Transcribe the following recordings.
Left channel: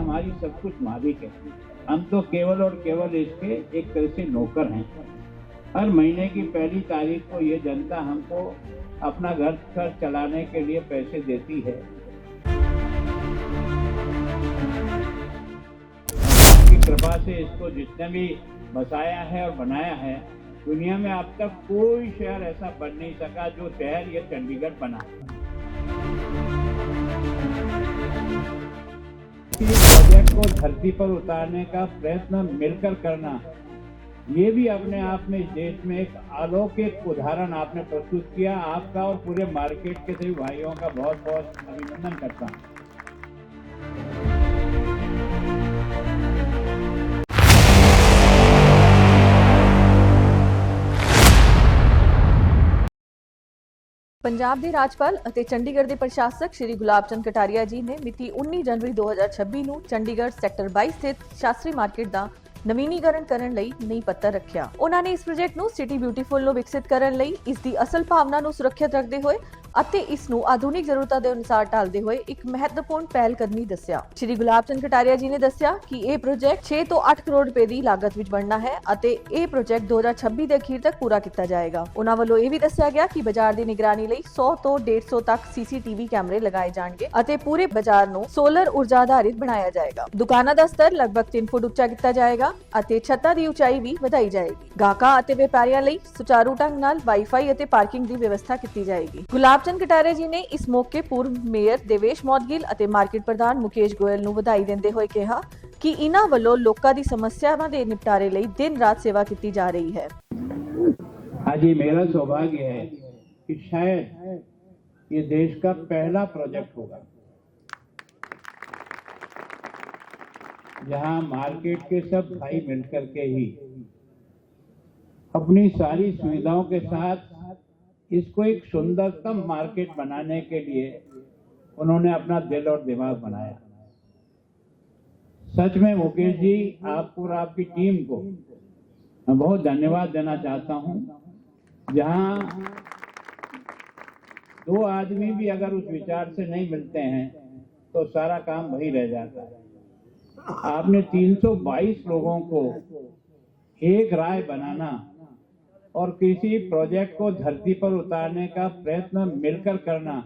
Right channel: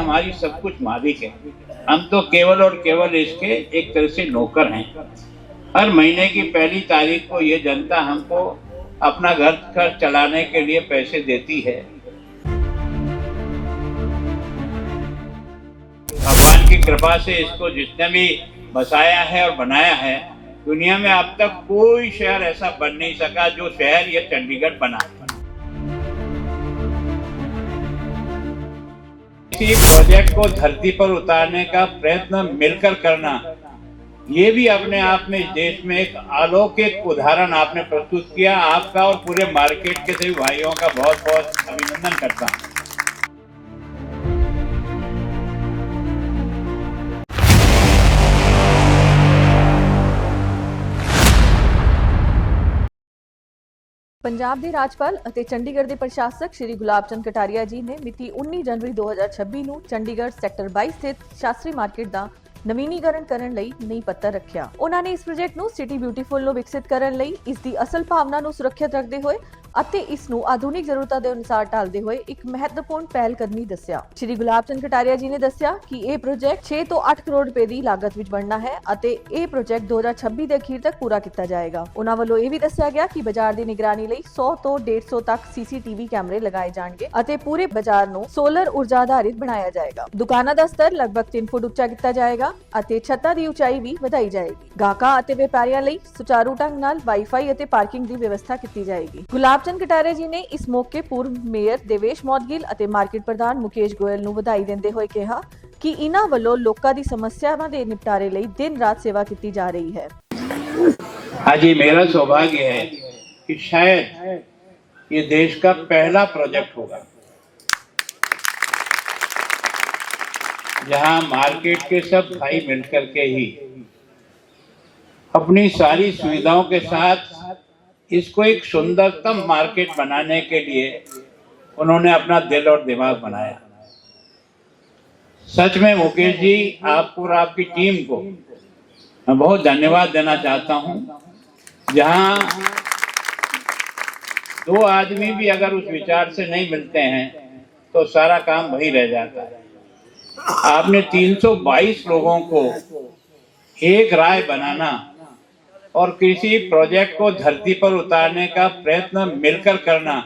हमारी सब कुछ मालिक है। हम तो केवल और केवल इसके एक तरह से नौकर हैं। हर महीने की पहली तारीख को ये जनता हमको अपना घर खर्च चलाने के लिए पैसे देती है। भगवान की कृपा से इसको जिसने भी बसाया है और बनाया है, दुनिया में अब तक कोई शहर ऐसा बन नहीं सका जो शहर ये चंडीगढ़ बना। इसी प्रोजेक्ट को धरती पर उतारने का प्रयत्न मिलकर करना, ये भी अपने आप में इस देश में एक अलौकिक उदाहरण आपने प्रस्तुत किया। आपका और पूरे मार्केट के सभी भाइयों का बहुत बहुत अभिनंदन करता हूँ। ਪੰਜਾਬ ਦੇ ਰਾਜਪਾਲ ਅਤੇ ਚੰਡੀਗੜ੍ਹ ਦੇ ਪ੍ਰਸ਼ਾਸਕ ਸ਼੍ਰੀ ਗੁਲਾਬ ਚੰਦ ਕਟਾਰੀਆ ਜੀ ਨੇ ਮਿਤੀ 19 ਜਨਵਰੀ 2026 ਨੂੰ ਚੰਡੀਗੜ੍ਹ ਸੈਕਟਰ 22 ਸਥਿਤ ਸ਼ਾਸਤਰੀ ਮਾਰਕੀਟ ਦਾ ਨਵੀਨੀਕਰਨ ਕਰਨ ਲਈ ਨੀਂਹ ਪੱਥਰ ਰੱਖਿਆ। ਉਹਨਾਂ ਨੇ ਇਸ ਪ੍ਰੋਜੈਕਟ ਨੂੰ ਸਿਟੀ ਬਿਊਟੀਫੁਲ ਨੂੰ ਵਿਕਸਿਤ ਕਰਨ ਲਈ ਇਸ ਦੀ ਅਸਲ ਭਾਵਨਾ ਨੂੰ ਸੁਰੱਖਿਅਤ ਰੱਖਦੇ ਹੋਏ ਅਤੇ ਇਸ ਨੂੰ ਆਧੁਨਿਕ ਜ਼ਰੂਰਤਾਂ ਦੇ ਅਨੁਸਾਰ ਢਾਲਦੇ ਹੋਏ ਇੱਕ ਮਹੱਤਵਪੂਰਨ ਪਹਿਲ ਕਰਨੀ ਦੱਸਿਆ। ਸ਼੍ਰੀ ਗੁਲਾਬ ਚੰਦ ਕਟਾਰੀਆ ਜੀ ਨੇ ਦੱਸਿਆ ਕਿ ਇਹ ਪ੍ਰੋਜੈਕਟ 6 ਤੋਂ 8 ਕਰੋੜ ਰੁਪਏ ਦੀ ਲਾਗਤ ਵਿੱਚ ਬਣਨਾ ਹੈ ਅਤੇ ਇਹ ਪ੍ਰੋਜੈਕਟ 2026 ਦੇ ਅਖੀਰ ਤੱਕ ਪੂਰਾ ਕੀਤਾ ਜਾਏਗਾ। ਉਹਨਾਂ ਵੱਲੋਂ ਇਹ ਵੀ ਦੱਸਿਆ ਗਿਆ ਕਿ ਬਾਜ਼ਾਰ ਦੀ ਨਿਗਰਾਨੀ ਲਈ 100 ਤੋਂ 150 ਤੱਕ ਸੀਸੀਟੀਵੀ ਕੈਮਰੇ ਲਗਾਏ ਜਾਣਗੇ ਅਤੇ ਪੂਰੇ ਬਾਜ਼ਾਰ ਨੂੰ ਸੋਲਰ ਊਰਜਾ ਆਧਾਰਿਤ ਬਣਾਇਆ ਜਾਏਗਾ। ਦੁਕਾਨਾਂ ਦਾ ਸਤਰ ਲਗਭਗ 3 ਫੁੱਟ ਉੱਚਾ ਕੀਤਾ ਜਾਏਗਾ ਅਤੇ ਛੱਤਾਂ ਦੀ ਉਚਾਈ ਵੀ ਵਧਾਈ ਜਾਏਗੀ। ਗਾਹਕਾਂ ਅਤੇ ਵਪਾਰੀਆਂ ਲਈ ਸੁਚਾਰੂ ਢੰਗ ਨਾਲ ਵਾਈਫਾਈ ਅਤੇ ਪਾਰਕਿੰਗ ਦੀ ਵਿਵਸਥਾ ਕੀਤੀ ਜਾਏਗੀ। ਗੁਲਾਬ ਚੰਦ ਕਟਾਰੀਆ ਜੀ ਨੇ ਇਸ ਮੌਕੇ ਪੂਰਵ ਮੇਅਰ ਦੇਵੇਸ਼ ਮੌਦਗਿਲ ਅਤੇ ਮਾਰਕੀਟ ਪ੍ਰਧਾਨ ਮੁਕੇਸ਼ ਗੋਇਲ ਨੂੰ ਵਧਾਈ ਦਿੰਦੇ ਹੋਏ ਕਿਹਾ ਕਿ ਇਹਨਾਂ ਵੱਲੋਂ ਲੋਕਾਂ ਦੀ ਸਮੱਸਿਆਵਾਂ ਦੇ ਨਿਪਟਾਰੇ ਲਈ ਦਿਨ ਰਾਤ सेवा की जा रही है। आज ये मेरा सौभाग्य है कि शायद ये देश का पहला प्रोजेक्ट होगा जहां मार्केट के सब भाई मिलकर के ही अपनी सारी सुविधाओं के साथ इसको एक सुंदरतम मार्केट बनाने के लिए उन्होंने अपना दिल और दिमाग बनाया। सच में मुकेश जी, आपको और आपकी टीम को मैं बहुत धन्यवाद देना चाहता हूं। जहां दो आदमी भी अगर उस विचार से नहीं मिलते हैं तो सारा काम वही रह जाता है। आपने 322 लोगों को एक राय बनाना और किसी प्रोजेक्ट को धरती पर उतारने का प्रयत्न मिलकर करना,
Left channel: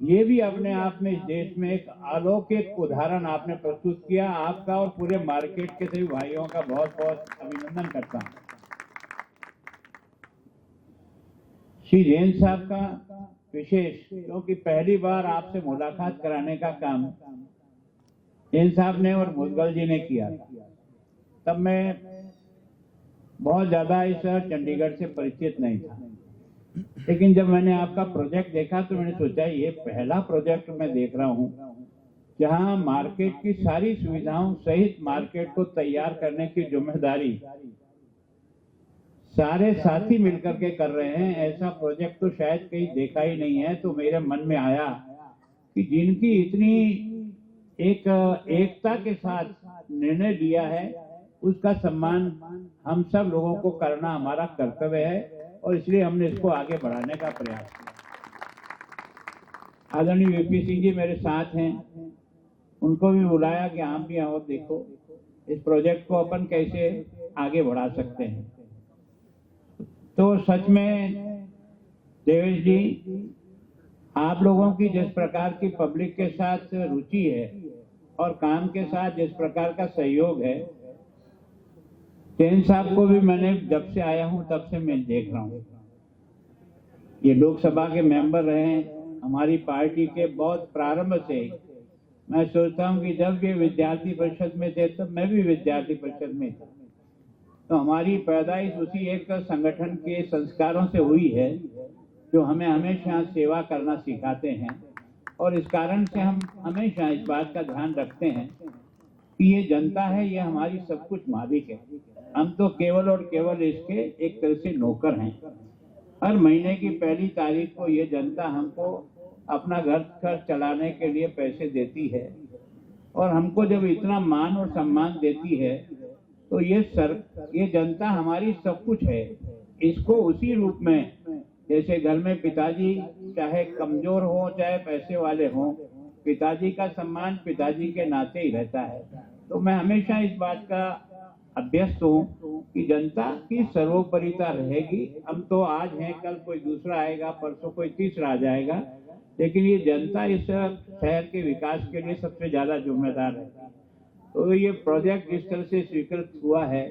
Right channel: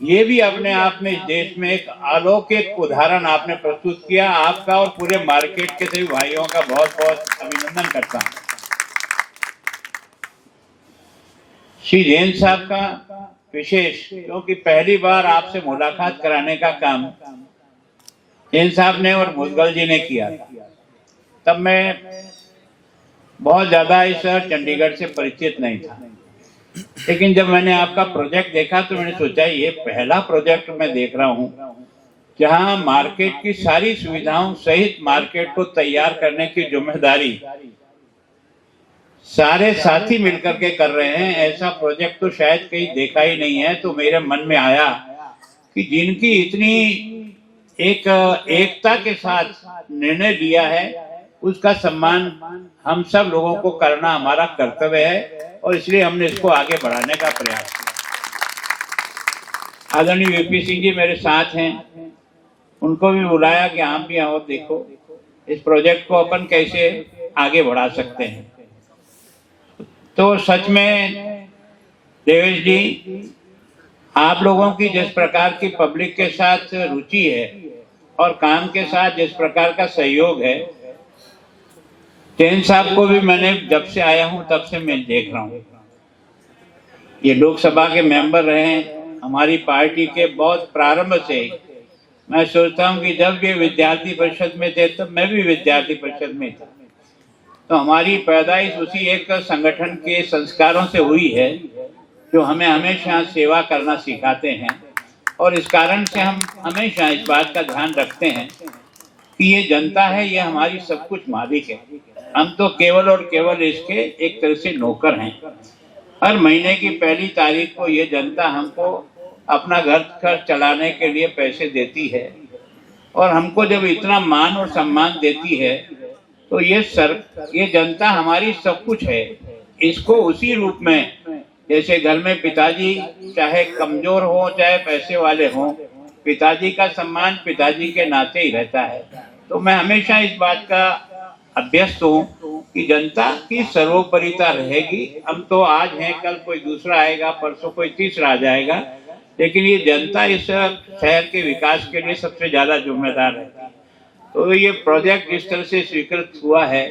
ये भी अपने आप में इस देश में एक अलौकिक उदाहरण आपने प्रस्तुत किया। आपका और पूरे मार्केट के सभी भाइयों का बहुत बहुत अभिनंदन करता हूं। श्री जैन साहब का विशेष, क्योंकि पहली बार आपसे मुलाकात कराने का काम जैन साहब ने और मुदगल जी ने किया था। तब मैं बहुत ज़्यादा इस शहर चंडीगढ़ से परिचित नहीं था, लेकिन जब मैंने आपका प्रोजेक्ट देखा तो मैंने सोचा ये पहला प्रोजेक्ट मैं देख रहा हूँ जहाँ मार्केट की सारी सुविधाओं सहित मार्केट को तैयार करने की जिम्मेदारी सारे साथी मिलकर के कर रहे हैं। ऐसा प्रोजेक्ट तो शायद कहीं देखा ही नहीं है। तो मेरे मन में आया कि जिनकी इतनी एक एकता के साथ निर्णय लिया है, उसका सम्मान हम सब लोगों को करना हमारा कर्तव्य है और इसलिए हमने इसको आगे बढ़ाने का प्रयास किया। आदरणीय वीपी सिंह जी मेरे साथ हैं, उनको भी बुलाया कि आप भी आओ, देखो इस प्रोजेक्ट को अपन कैसे आगे बढ़ा सकते हैं। तो सच में देवेश जी, आप लोगों की जिस प्रकार की पब्लिक के साथ रुचि है और काम के साथ जिस प्रकार का सहयोग है, जैन साहब को भी मैंने जब से आया हूं तब से मैं देख रहा हूं। ये लोकसभा के मेंबर रहे, हमारी पार्टी के बहुत प्रारंभ से। मैं सोचता हूं कि जब ये विद्यार्थी परिषद में थे तब मैं भी विद्यार्थी परिषद में था। तो हमारी पैदाइश उसी एक संगठन के संस्कारों से हुई है जो हमें हमेशा सेवा करना सिखाते हैं। और इस कारण से हम हमेशा इस बात का ध्यान रखते हैं कि ये जनता है, ये हमारी सब कुछ मालिक है। हम तो केवल और केवल इसके एक तरह से नौकर हैं। हर महीने की पहली तारीख को ये जनता हमको अपना घर खर्च चलाने के लिए पैसे देती है और हमको जब इतना मान और सम्मान देती है तो ये जनता हमारी सब कुछ है। इसको उसी रूप में, जैसे घर में पिताजी चाहे कमजोर हो चाहे पैसे वाले हों, पिताजी का सम्मान पिताजी के नाते ही रहता है। तो मैं हमेशा इस बात का अभ्यस्त हूँ कि जनता की सर्वोपरिता रहेगी। हम तो आज हैं, कल कोई दूसरा आएगा, परसों कोई तीसरा आ जाएगा, लेकिन ये जनता इस शहर के विकास के लिए सबसे ज्यादा जिम्मेदार है। तो ये प्रोजेक्ट जिस तरह से स्वीकृत हुआ है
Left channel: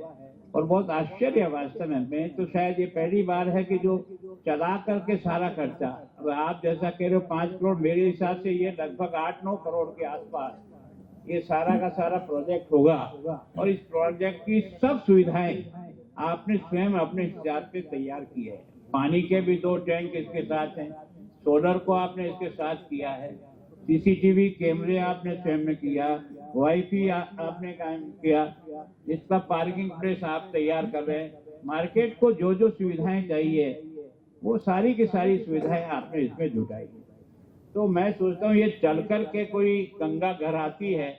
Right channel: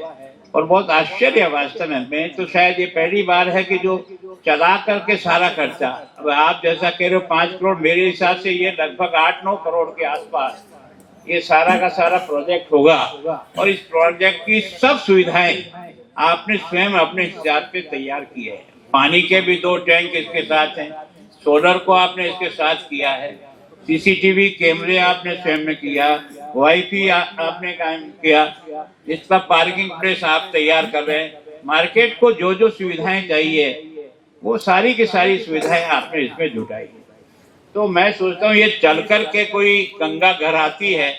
और बहुत आश्चर्य है वास्तव में तो शायद ये पहली बार है कि जो चला करके सारा खर्चा, अब आप जैसा कह रहे हो 5 करोड़, मेरे हिसाब से ये लगभग 8-9 करोड़ के आसपास ये सारा का सारा प्रोजेक्ट होगा। और इस प्रोजेक्ट की सब सुविधाएं आपने स्वयं अपने हिसाब से तैयार की है। पानी के भी 2 टैंक इसके साथ हैं, सोलर को आपने इसके साथ किया है, सीसीटीवी कैमरे आपने स्वयं में किया, वाईफाई आपने कायम किया, इसका पार्किंग प्लेस आप तैयार कर रहे हैं। मार्केट को जो जो सुविधाएं चाहिए वो सारी की सारी सुविधाएं आपने इसमें जुटाई। तो मैं सोचता हूँ ये चल कर के कोई गंगा घर आती है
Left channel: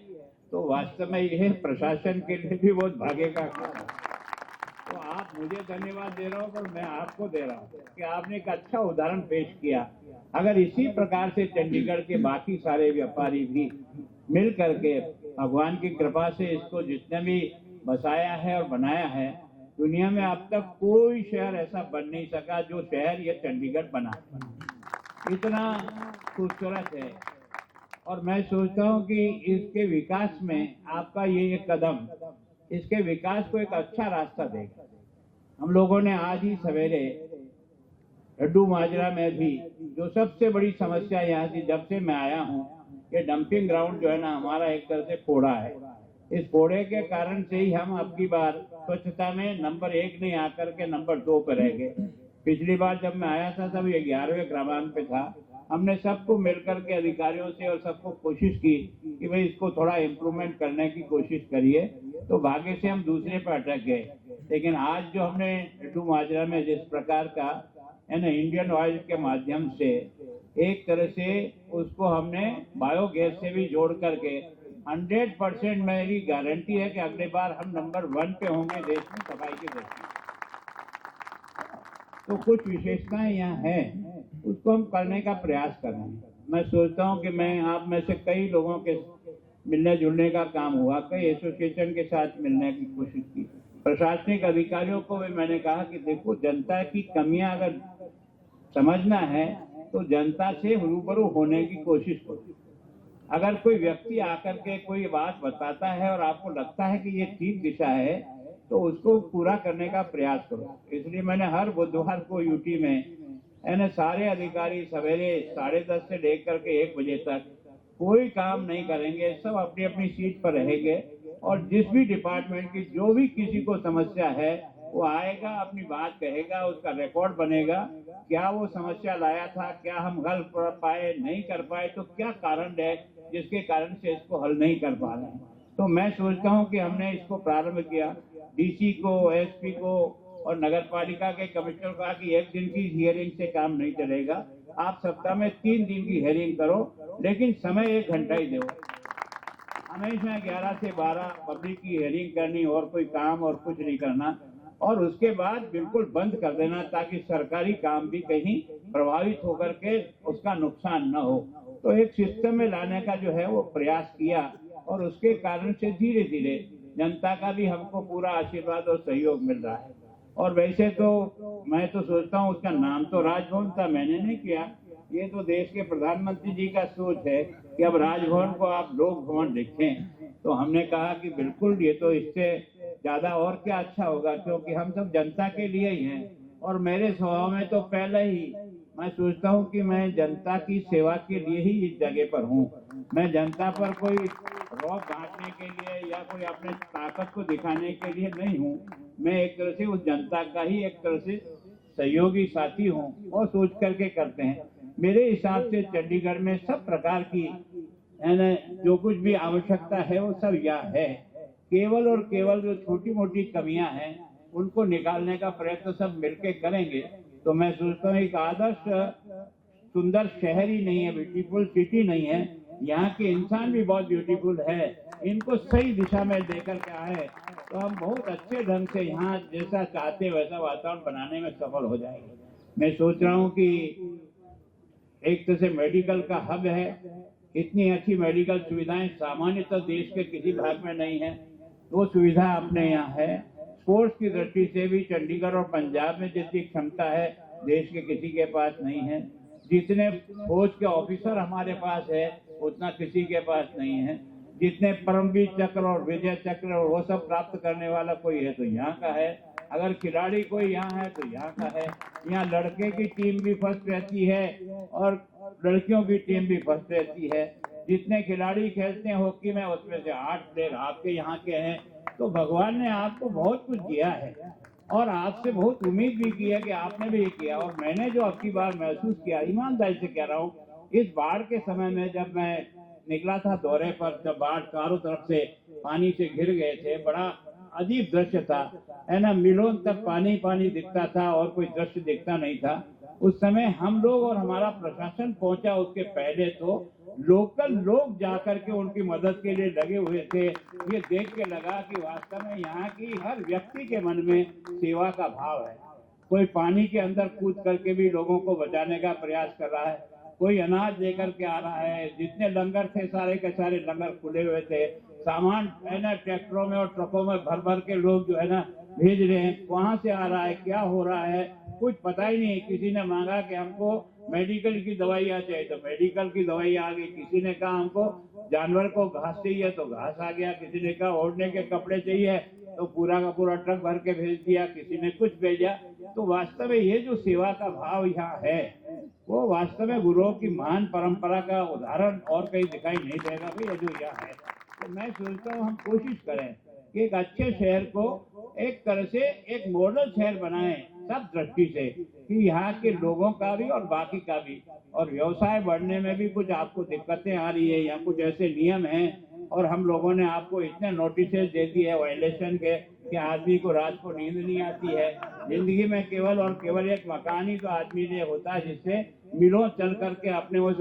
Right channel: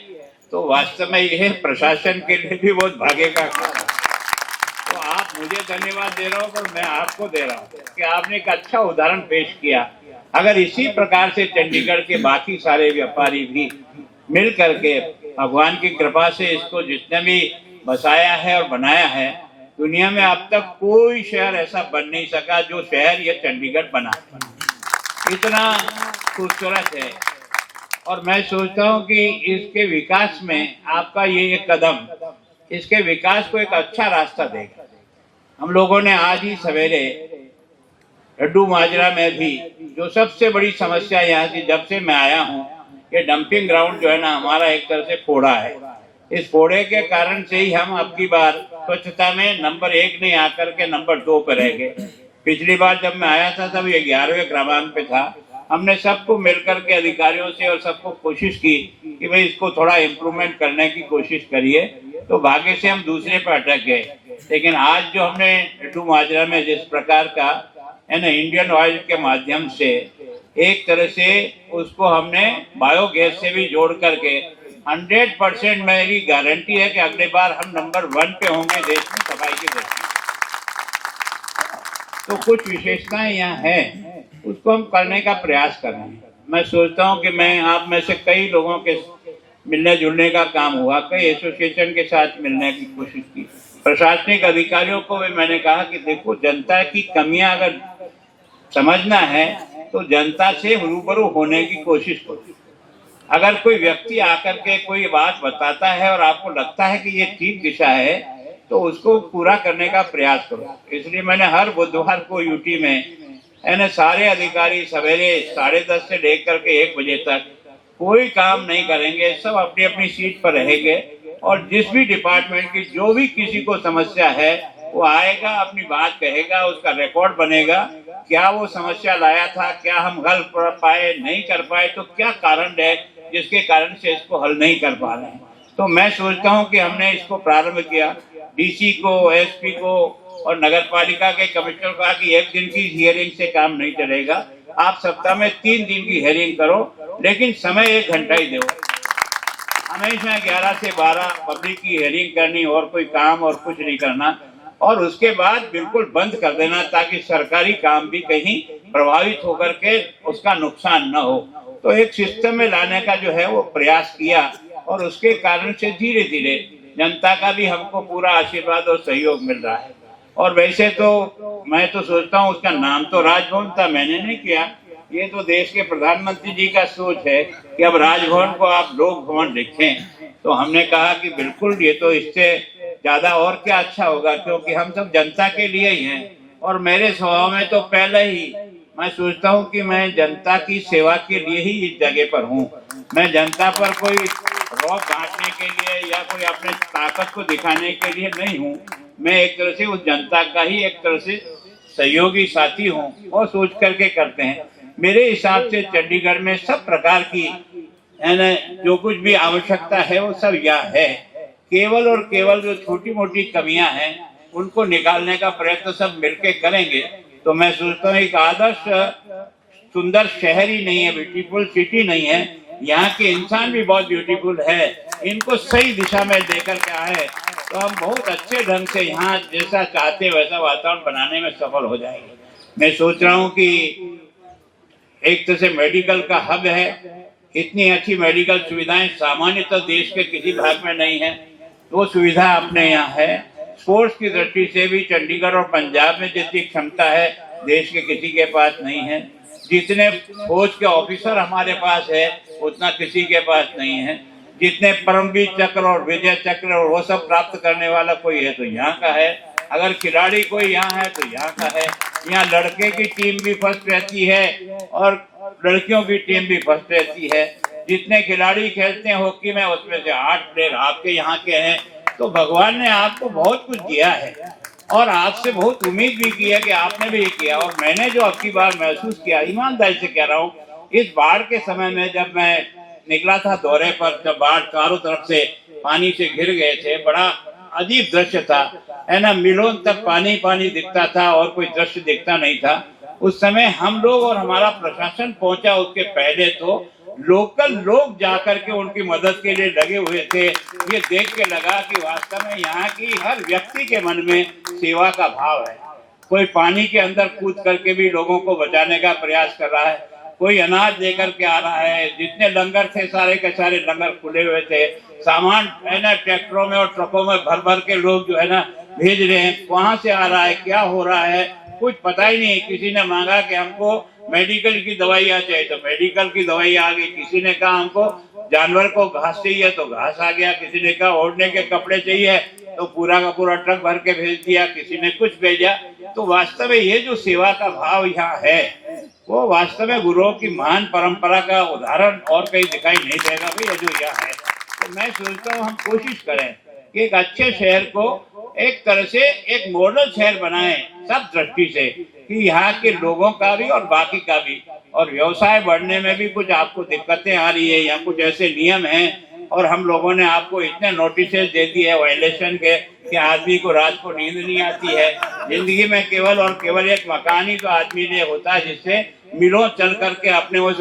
तो वास्तव में यह प्रशासन के लिए भी बहुत भाग्य का काम है। तो आप मुझे धन्यवाद दे रहा हूँ, पर मैं आपको दे रहा हूँ कि आपने एक अच्छा उदाहरण पेश किया। अगर इसी प्रकार से चंडीगढ़ के बाकी सारे व्यापारी भी मिल करके भगवान की कृपा से इसको जितने भी बसाया है और बनाया है, दुनिया में अब तक कोई शहर ऐसा बन नहीं सका जो शहर ये चंडीगढ़ बना, इतना खूबसूरत है। और मैं सोचता हूँ कि इसके विकास में आपका ये एक कदम इसके विकास को एक अच्छा रास्ता देगा। हम लोगों ने आज ही सवेरे लड्डू माजरा में भी जो सबसे बड़ी समस्या यहाँ की जब से मैं आया हूँ, ये डंपिंग ग्राउंड जो है ना हमारा एक तरह से फोड़ा है। इस फोड़े के कारण से ही हम अब की बार स्वच्छता में नंबर 1 नहीं आकर के नंबर 2 पर रह गए। पिछली बार जब मैं आया था तब ये 11वें क्रमांक पे था। हमने सबको मिलकर के अधिकारियों से और सबको कोशिश की कि भाई इसको थोड़ा इम्प्रूवमेंट करने की कोशिश करिए, तो भाग्य से हम दूसरे पर अटक गए। लेकिन आज जो हमने लड्डू माजरा में जिस प्रकार का है ना इंडियन ऑयल के माध्यम से एक तरह से उसको हमने बायोगैस से भी जोड़ करके 100% मेरी गारंटी है कि अगले बार हम नंबर 1 पे होंगे देश में सफाई की दृष्टि। तो कुछ विशेषताएं यहाँ हैं, उसको हम करने का प्रयास कर रहे हैं। मैं सोचता हूँ कि मैं आप में से कई लोगों के मिलने जुलने का काम हुआ, कई एसोसिएशन के साथ मिलने की कोशिश की, प्रशासनिक अधिकारियों को भी मैंने कहा कि देखो जनता की कमियां अगर समझना है तो जनता से रूबरू होने की कोशिश करो। अगर कोई व्यक्ति आकर के कोई बात बताता है और आपको लगता है कि ये ठीक दिशा है तो उसको पूरा करने का प्रयास करो। इसलिए मैंने हर बुधवार को यूटी में सारे अधिकारी सवेरे 10:30 से लेकर के 1 बजे तक कोई काम नहीं करेंगे, सब अपनी अपनी सीट पर रहेंगे और जिस भी डिपार्टमेंट की जो भी किसी को समस्या है वो आएगा, अपनी बात कहेगा, उसका रिकॉर्ड बनेगा, क्या वो समस्या लाया था, क्या हम हल कर पाए, नहीं कर पाए, तो क्या कारण है जिसके कारण से इसको हल नहीं कर पा रहे हैं। तो मैं सोचता हूँ कि हमने इसको प्रारंभ किया, डीसी को, एसपी को और नगर पालिका के कमिश्नर को कहा कि 1 दिन की हियरिंग से काम नहीं चलेगा, आप सप्ताह में 3 दिन की हियरिंग करो, लेकिन समय 1 घंटा ही दो। हमेशा 11 से 12 पब्लिक की हियरिंग करनी और कोई काम और कुछ नहीं करना, और उसके बाद बिल्कुल बंद कर देना ताकि सरकारी काम भी कहीं प्रभावित होकर के उसका नुकसान न हो। तो एक सिस्टम में लाने का जो है वो प्रयास किया और उसके कारण से धीरे धीरे जनता का भी हमको पूरा आशीर्वाद और सहयोग मिल रहा है। और वैसे तो मैं तो सोचता हूँ उसका नाम तो राजभवन था, मैंने नहीं किया, ये तो देश के प्रधानमंत्री जी का सोच है कि अब राजभवन को आप लोक भवन लिखें। तो हमने कहा कि बिल्कुल ये तो इससे ज्यादा और क्या अच्छा होगा, क्योंकि हम सब जनता के लिए ही हैं। और मेरे स्वभाव में तो पहले ही मैं सोचता हूँ कि मैं जनता की सेवा के लिए ही इस जगह पर हूँ। मैं जनता पर कोई रौब बांटने के लिए या कोई अपने ताकत को दिखाने के लिए नहीं हूँ। मैं एक तरह से उस जनता का ही एक तरह से सहयोगी साथी हूँ और सोच करके करते हैं। मेरे हिसाब से चंडीगढ़ में सब प्रकार की जो कुछ भी आवश्यकता है वो सब यहाँ है। केवल और केवल जो छोटी मोटी कमियां हैं उनको निकालने का प्रयत्न सब मिलके करेंगे तो मैं सोचता हूँ एक आदर्श सुंदर शहर ही नहीं है, ब्यूटीफुल सिटी नहीं है, यहाँ के इंसान भी बहुत ब्यूटीफुल है। इनको सही दिशा में लेकर के आए तो हम बहुत अच्छे ढंग से यहाँ जैसा चाहते वैसा वातावरण बनाने में सफल हो जाएंगे। मैं सोच रहा हूँ कि एक तरह से मेडिकल का हब है, इतनी अच्छी मेडिकल सुविधाएं सामान्यतः देश के किसी भाग में नहीं है, वो सुविधा अपने यहाँ है। स्पोर्ट्स की दृष्टि से भी चंडीगढ़ और पंजाब में जितनी क्षमता है देश के किसी के पास नहीं है। जितने फौज के ऑफिसर हमारे पास है उतना किसी के पास नहीं है। जितने परमवीर चक्र और विजय चक्र और वो सब प्राप्त करने वाला कोई है तो यहाँ का है। अगर खिलाड़ी कोई यहाँ है तो यहाँ का है। यहाँ लड़के की टीम भी फर्स्ट रहती है और लड़कियों की टीम भी फर्स्ट रहती है। जितने खिलाड़ी खेलते हैं हॉकी में उसमें से 8 प्लेयर आपके यहाँ के हैं। तो भगवान ने आपको बहुत कुछ दिया है और आपसे बहुत उम्मीद भी की है कि आपने भी ये किया। और मैंने जो अब की बार महसूस किया, ईमानदारी से कह रहा हूँ, इस बाढ़ के समय में जब मैं निकला था दौरे पर, जब बाढ़ चारों तरफ से पानी से घिर गए थे, बड़ा अजीब दृश्य था, है ना। मीलों तक पानी पानी दिखता था और कोई दृश्य दिखता नहीं था। उस समय हम लोग और हमारा प्रशासन पहुंचा, उसके पहले तो लोकल लोग जाकर के उनकी मदद के लिए लगे हुए थे। ये देख के लगा कि वास्तव में यहाँ की हर व्यक्ति के मन में सेवा का भाव है। कोई पानी के अंदर कूद करके भी लोगों को बचाने का प्रयास कर रहा है, कोई अनाज लेकर के आ रहा है। जितने लंगर थे सारे के सारे लंगर खुले हुए थे। सामान है ना ट्रैक्टरों में और ट्रकों में भर भर के लोग जो है ना भेज रहे हैं। कहाँ से आ रहा है, क्या हो रहा है, कुछ पता ही नहीं। किसी ने मांगा कि हमको मेडिकल की दवाइयाँ चाहिए तो मेडिकल की दवाई आ गई। किसी ने कहा हमको जानवर को घास चाहिए तो घास आ गया। किसी ने कहा ओढ़ने के कपड़े चाहिए तो पूरा का पूरा ट्रक भर के भेज दिया। किसी ने कुछ भेजा। तो वास्तव में ये जो सेवा का भाव यहाँ है वो वास्तव में गुरुओं की महान परंपरा का उदाहरण और कहीं दिखाई नहीं देगा भैया जो यहाँ है। तो मैं सोचता हूँ हम कोशिश करें कि एक अच्छे शहर को एक तरह से एक मॉडल शहर बनाएं सब दृष्टि से, कि यहाँ के लोगों का भी और बाकी का भी। और व्यवसाय बढ़ने में भी कुछ आपको दिक्कतें आ रही है, यहाँ कुछ ऐसे नियम हैं और हम लोगों ने आपको इतने नोटिस दे दिए वायलेशन के कि आदमी को रात को नींद नहीं आती है। जिंदगी में केवल और केवल एक मकान ही तो आदमी ने होता है जिससे मिलों चल करके अपने उस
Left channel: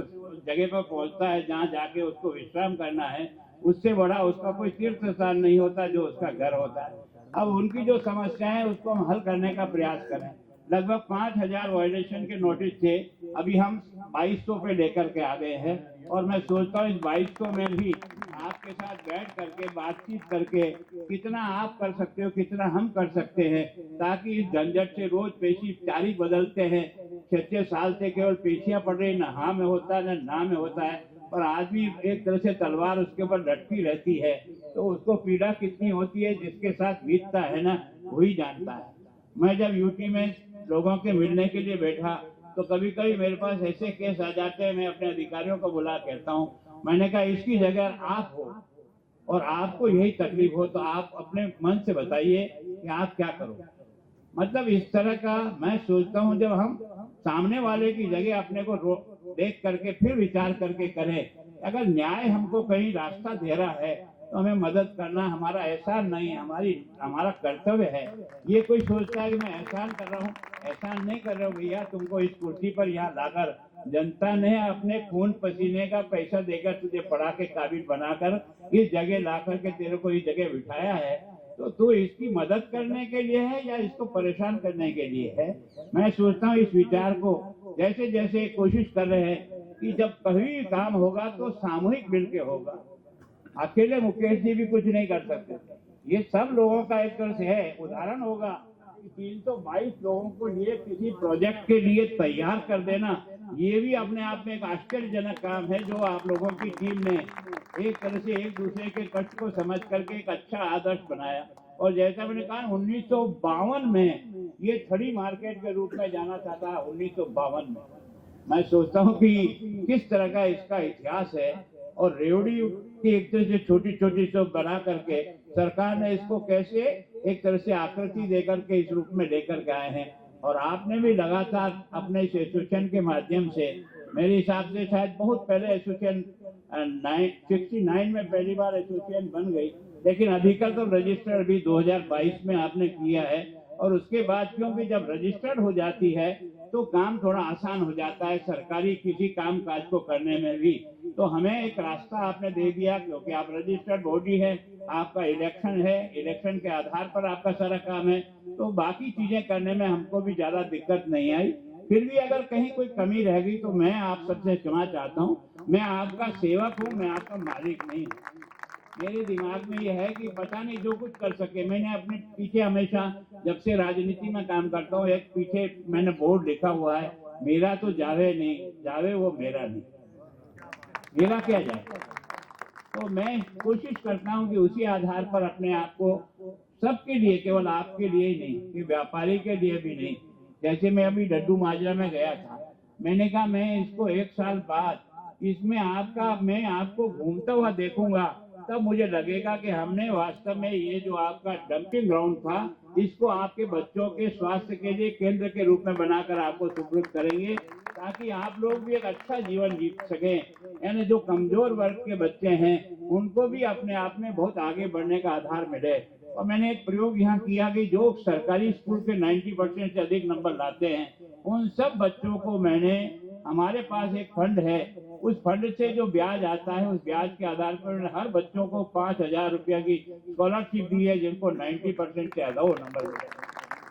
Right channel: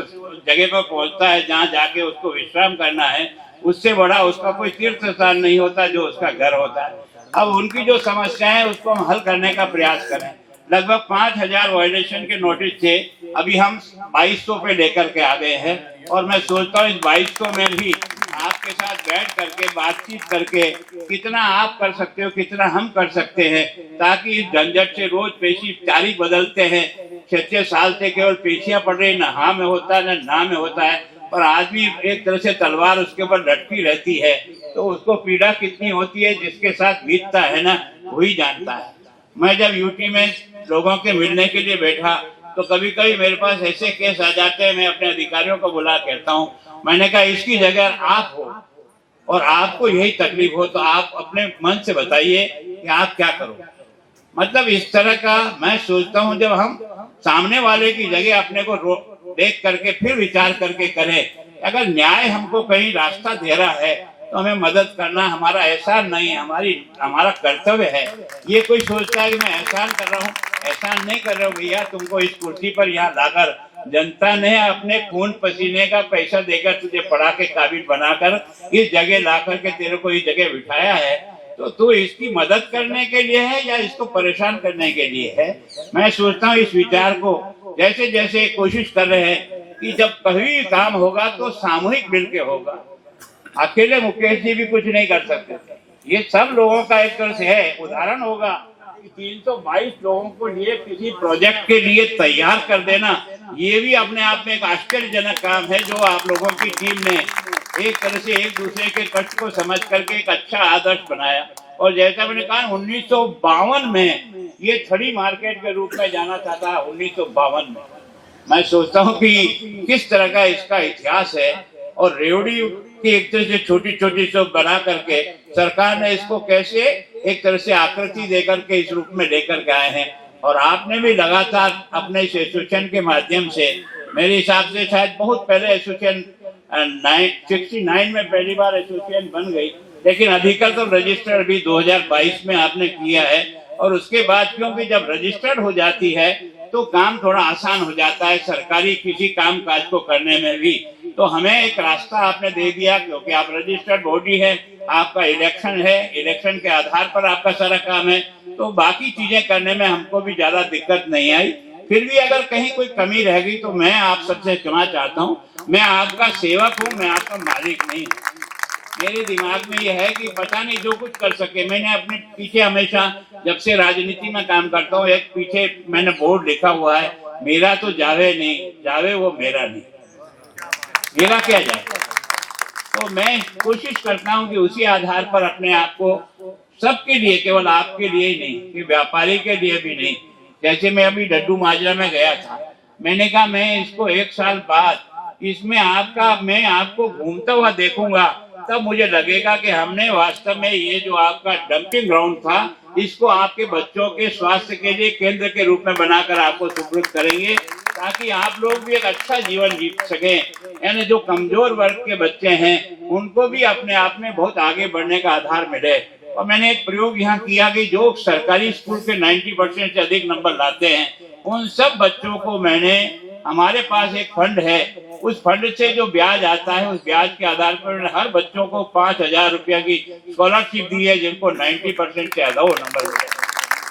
जगह पर पहुंचता है जहाँ जाके उसको विश्राम करना है। उससे बड़ा उसका कोई तीर्थ स्थान नहीं होता जो उसका घर होता है। अब उनकी जो समस्या है उसको हम हल करने का प्रयास करें। लगभग 5000 वायलेशन के नोटिस थे, अभी हम 2200 पे लेकर के आ गए हैं। और मैं सोचता हूँ इस 2200 में भी आपके साथ बैठ करके बातचीत करके कितना आप कर सकते हो, कितना हम कर सकते हैं, ताकि इस झंझट से रोज पेशी तारीख बदलते हैं। 6 साल से केवल पेशियां पड़ रही, न हाँ में होता है न ना में होता है। पर आदमी एक तरह से तलवार उसके ऊपर लटकी रहती है तो उसको पीड़ा कितनी होती है जिसके साथ बीतता है ना वही जानता है। मैं जब यूटी में लोगों के मिलने के लिए बैठा तो कभी कभी मेरे पास ऐसे केस आ जाते हैं, मैं अपने अधिकारियों को बुला कहता हूँ, मैंने कहा इसकी जगह आप हो और आपको यही तकलीफ हो तो आप अपने मन से बताइए कि आप क्या करो। मतलब इस तरह का मैं सोचता हूँ जब हम सामने वाले की जगह अपने को देख करके फिर विचार करके करें। अगर न्याय हमको कहीं रास्ता दे रहा है तो हमें मदद करना हमारा एहसान नहीं है, हमारा कर्तव्य है। ये कोई सोचता है कि मैं एहसान कर रहा हूँ, एहसान नहीं कर रहा हूँ भैया। तुमको इस कुर्सी पर यहाँ लाकर जनता ने अपने खून पसीने का पैसा देकर तुझे पढ़ा के काबिल बनाकर इस जगह ला करके तेरे को इस जगह बिठाया है, तो तू इसकी मदद करने के लिए है या इसको परेशान करने के लिए है। मैं सोचता हूँ इस विचार को जैसे जैसे कोशिश कर रहे हैं कि जब कभी काम होगा तो सामूहिक मिलके होगा। अकेले मुकेश जी भी कुछ नहीं कर सकते। ये सब लोगों का एक तरह से है उदाहरण होगा कि 322 लोगों को लिए किसी प्रोजेक्ट के लिए तैयार कर देना, ये भी अपने आप में एक आश्चर्यजनक काम है जो आप लोगों की टीम ने एक तरह से एक दूसरे के कष्ट को समझ करके एक अच्छा आदर्श बनाया। और जैसा मैंने कहा 1952 में ये छड़ी मार्केट के रूप में जाना चाहता है। 1952 में मैं सोचता हूँ कि किस तरह का इसका इतिहास है। और रेवड़ी की एक तरह से छोटी छोटी सब बना करके सरकार ने इसको कैसे एक तरह से आकृति देकर के इस रूप में लेकर के आए हैं। और आपने भी लगातार अपने इस एसोसिएशन के माध्यम से, मेरे हिसाब से शायद बहुत पहले एसोसिएशन 69 में पहली बार एसोसिएशन बन गई, लेकिन अधिकतर तो रजिस्टर भी 2022 में आपने किया है। और उसके बाद क्योंकि जब रजिस्टर्ड हो जाती है तो काम थोड़ा आसान हो जाता है सरकारी किसी काम काज को करने में भी। तो हमें एक रास्ता आपने दे दिया क्योंकि आप रजिस्टर्ड बॉडी है, आपका इलेक्शन है, इलेक्शन के आधार पर आपका सारा काम है, तो बाकी चीजें करने में हमको भी ज्यादा दिक्कत नहीं आई। फिर भी अगर कहीं कोई कमी रह गई तो मैं आप सबसे क्षमा चाहता हूँ। मैं आपका सेवक हूँ, मैं आपका मालिक नहीं हूँ। मेरे दिमाग में ये है कि पता नहीं जो कुछ कर सके। मैंने अपने पीछे हमेशा, जब से राजनीति में काम करता हूँ, एक पीछे मैंने बोर्ड लिखा हुआ है, मेरा तो जावे नहीं, जावे वो मेरा नहीं, मेरा क्या जाए। तो मैं कोशिश करता हूँ कि उसी आधार पर अपने आप को सबके लिए, केवल आपके लिए ही नहीं, कि व्यापारी के लिए भी नहीं। जैसे मैं अभी डड्डू माजरा में गया था, मैंने कहा मैं इसको 1 साल बाद इसमें मैं आपको घूमता हुआ देखूंगा, तब मुझे लगेगा कि हमने वास्तव में ये जो आपका डंपिंग ग्राउंड था, इसको आपके बच्चों के स्वास्थ्य के लिए केंद्र के रूप में बनाकर आपको सुपुर्द करेंगे, ताकि आप लोग भी एक अच्छा जीवन जी सकें। यानी जो कमजोर वर्ग के बच्चे हैं, उनको भी अपने आप में बहुत आगे बढ़ने का आधार मिले। और मैंने एक प्रयोग यहाँ किया कि जो सरकारी स्कूल के 90% से अधिक नंबर लाते हैं, उन सब बच्चों को मैंने, हमारे पास एक फंड है, उस फंड से जो ब्याज आता है, उस ब्याज के आधार पर हर बच्चों को 5,000 रुपया की स्कॉलरशिप दी है, जिनको 90% से ज्यादा वो नंबर मिले।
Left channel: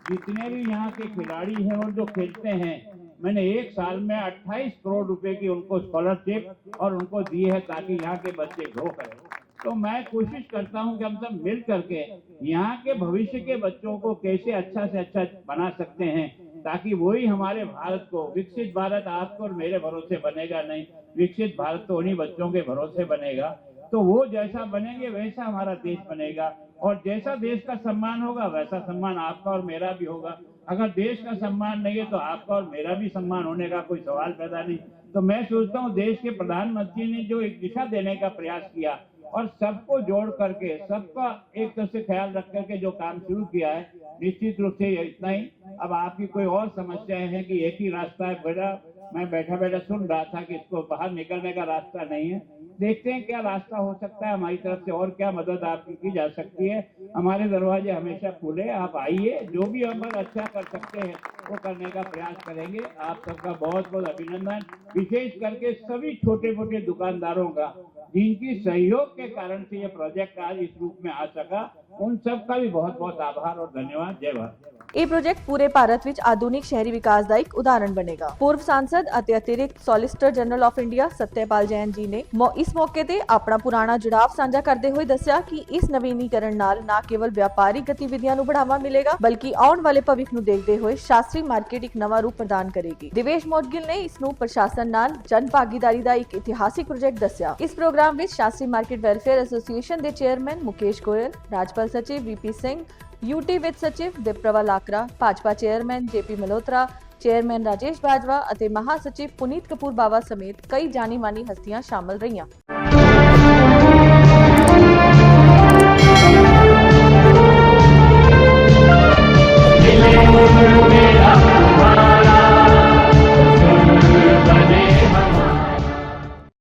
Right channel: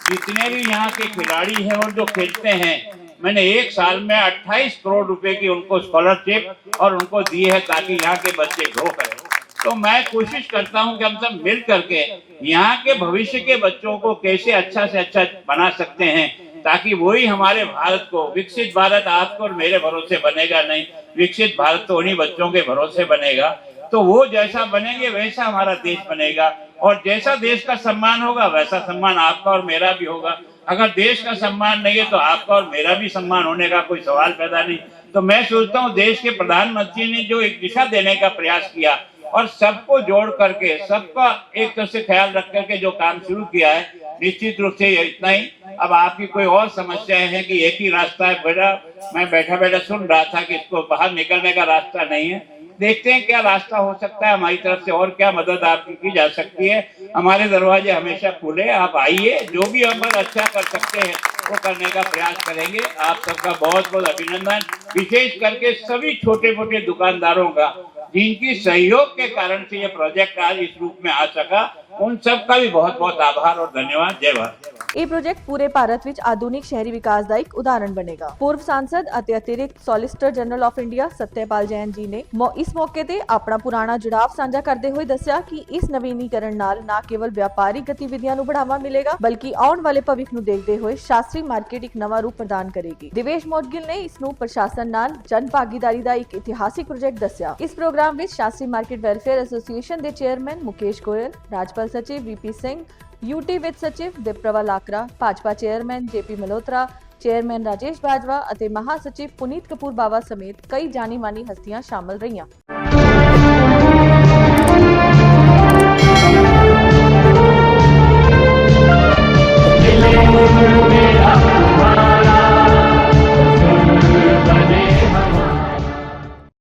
जितने भी यहाँ के खिलाड़ी हैं और जो खेलते हैं, मैंने 1 साल में 28 करोड़ रुपए की उनको स्कॉलरशिप और उनको दी है, ताकि यहाँ के बच्चे ग्रो करें। तो मैं कोशिश करता हूँ कि हम सब मिल करके यहाँ के भविष्य के बच्चों को कैसे अच्छा से अच्छा बना सकते हैं, ताकि वही हमारे भारत को, विकसित भारत आपको और मेरे भरोसे बनेगा नहीं, विकसित भारत तो उन्हीं बच्चों के भरोसे बनेगा। तो वो जैसा बनेंगे वैसा हमारा देश बनेगा, और जैसा देश का सम्मान होगा वैसा सम्मान आपका और मेरा भी होगा। अगर देश का सम्मान नहीं है तो आपका और मेरा भी सम्मान होने का कोई सवाल पैदा नहीं। तो मैं सोचता हूँ देश के प्रधानमंत्री ने जो एक दिशा देने का प्रयास किया और सबको जोड़ करके, सबका एक तरह से ख्याल रख करके जो काम शुरू किया है, निश्चित रूप से इतना ही। अब आपकी कोई और समस्याएं हैं कि एक ही रास्ता है, बेटा मैं बैठा बैठा सुन रहा था कि इसको बाहर निकलने का रास्ता नहीं है, देखते हैं क्या रास्ता हो सकता है हमारी तरफ से, और क्या मदद आपकी की जा सकती है। हमारे दरवाजे हमेशा खुले, आप आइए, जो भी हम अच्छा कर सकते हैं वो करने का प्रयास करेंगे। आप सबका बहुत बहुत अभिनंदन, विशेष करके सभी छोटे मोटे दुकानदारों का, जिनकी सहयोग के कारण से ये प्रोजेक्ट आज इस रूप में आ सका, उन सब का भी बहुत बहुत आभार और धन्यवाद। जय भारत। ਇਹ ਪ੍ਰੋਜੈਕਟ ਪੂਰੇ ਭਾਰਤ ਵਿੱਚ ਆਧੁਨਿਕ ਸ਼ਹਿਰੀ ਵਿਕਾਸ ਦਾ ਇੱਕ ਉਦਾਹਰਣ ਬਣੇਗਾ। ਪੂਰਵ ਸਾਂਸਦ ਅਤੇ ਅਤਿਰਿਕਤ solicitor general of India Satyapal Jain ji ਨੇ ਇਸ ਮੌਕੇ ਤੇ ਆਪਣਾ ਪੁਰਾਣਾ ਜੁੜਾਵ ਸਾਂਝਾ ਕਰਦੇ ਹੋਏ ਦੱਸਿਆ ਕਿ ਇਸ ਨਵੀਨੀਕਰਨ ਨਾਲ ਨਾ ਕੇਵਲ ਵਪਾਰਿਕ ਗਤੀਵਿਧੀਆਂ ਨੂੰ ਬੜਾਵਾ ਮਿਲੇਗਾ, ਬਲਕਿ ਆਉਣ ਵਾਲੇ ਭਵਿੱਖ ਨੂੰ ਦੇਖਦੇ ਹੋਏ ਸ਼ਾਸਤਰੀ ਮਾਰਕੀਟ ਇੱਕ ਨਵਾਂ ਰੂਪ ਪ੍ਰਦਾਨ ਕਰੇਗੀ। ਦਿਵੇਸ਼ ਮੋਡਗਿਲ ਨੇ ਇਸ ਨੂੰ ਪ੍ਰਸ਼ਾਸਨ ਨਾਲ ਜਨ ਭਾਗੀਦਾਰੀ ਦਾ ਇੱਕ ਇਤਿਹਾਸਿਕ ਪ੍ਰੋਜੈਕਟ ਦੱਸਿਆ। ਇਸ ਪ੍ਰੋਗਰਾਮ ਵਿੱਚ ਸ਼ਾਸਤਰੀ ਮਾਰਕੀਟ ਵੈਲਫੇਅਰ ਐਸੋਸੀਏਸ਼ਨ ਦੇ ਚੇਅਰਮੈਨ ਮੁਕੇਸ਼ ਗੋਇਲ, ਰਾਜਪਾਲ ਸਚਿਵ ਵੀਪੀ ਸਿੰਘ, यूटी वित्त सचिव Diprava Lakra, Bhajpa chairman JP Malhotra, chairman Rajesh Bajwa और महासचिव पुनीत कपूर बावा समेत कई जानी मानी हस्तियां शामिल रही।